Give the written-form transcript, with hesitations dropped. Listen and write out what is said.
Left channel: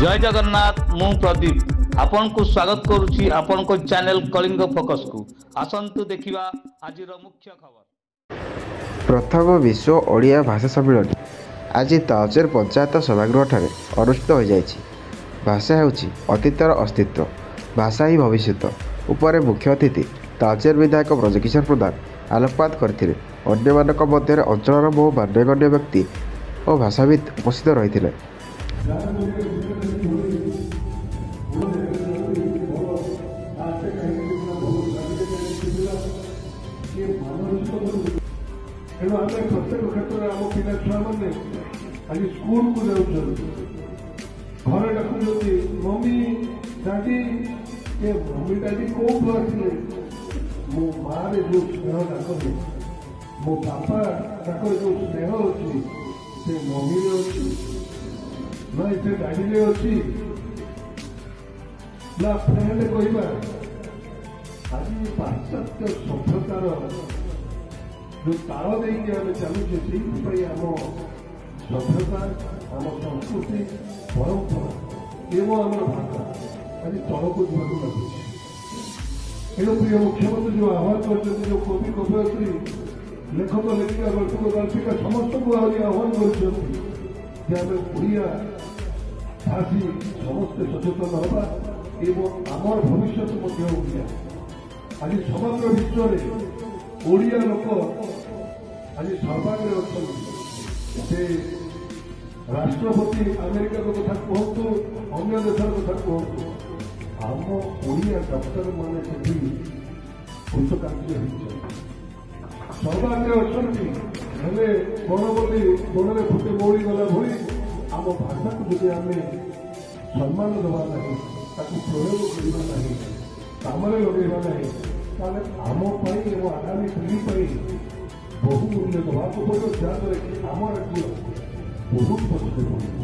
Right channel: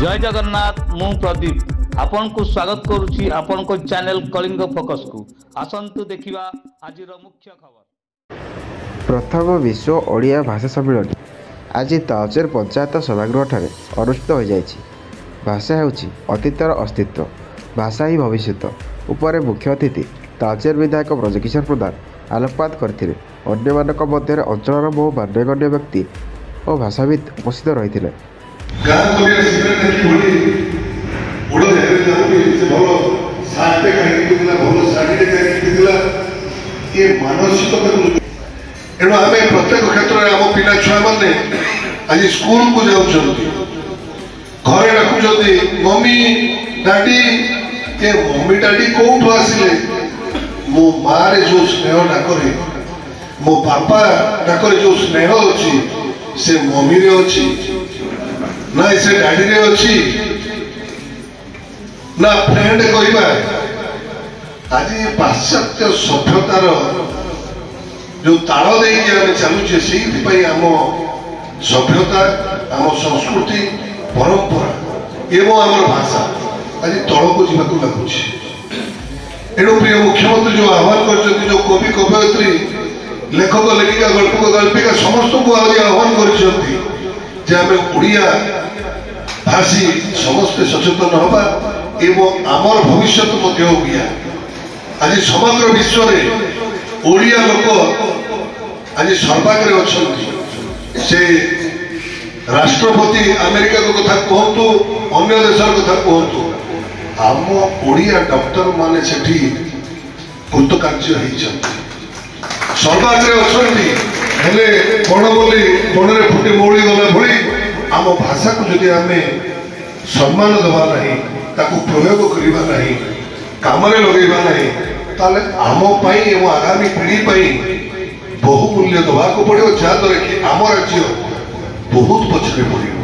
जय जगन्नाथ मु प्रदीप आपण को स्वागत करुछि आपण को चैनल कलिंग फोकस को आसंतु देखिबा आजिर मुख्य खबर। प्रथम विश्व ओडिया भाषा सम्मेलन आज तालचेर पंचायत सभागृह अनुष्ठित हो जाइछि। भाषा हेउछि अतीतर अस्तित्व, भाषा ही भविष्य उपरे मुख्य अतिथि तालचेर विधायक ब्रजकिशोर प्रधान आलोकपात करथिले। अन्य मानक मध्य अंचलर बहु मान्यगण्य व्यक्ति और भाषाविद उपस्थित रहिथिले। एणु आम प्रत्येक क्षेत्र में आम पिला छुआ मैंने आज स्कूल को जाऊँ घरे डाकुं मम्मी डाडी ये मम्मी डाडी कौटू आसिले मो माँ रे जो स्नेह डाकरे मो बापा डाकरे जो स्नेह अच्छी से मम्मी रे अच्छी ना से डाडी रे अच्छी ना फ्रेंड कहवा। आज पाश्चात्य सभ्यतार जो ताल देके आम चलुचे से आम सभ्यता आम संस्कृति परंपरा एवं आम भाषा आज तल को जावाक लगुच। एणु प्रिय मुख्यमंत्री जो आह्वान कर जो कवि कवयित्री लेखक लेखिका गल्पक गल्पिका समस्त को आज आह्वान कर ओडिया भाषी समस्ते सचेतन हवा एवं आमर भविष्य ओडिया। आज समग्र विश्व में ओडिया लोक आज सर्वाग्रे अच्छा से राष्ट्रपति अमेरिका को कथा कहतु अन्य देशर कथा कहतु आम ओडिया डॉक्टर माने सेठी कृतकार्य सर्वाग्रे अच्छा कौन बोली बणरे फुटी मौली गला भली आम भाषा को जदि आम सम्मान देवा नहीं ताकू प्रयोग करवा नहीं काम लगेगा नहीं ताले आम एवं आगामी पीढ़ी बहुमूल्य दवाक पड़ो जहाद्वारा कि आम राज्य बहुत पछरे पड़ो।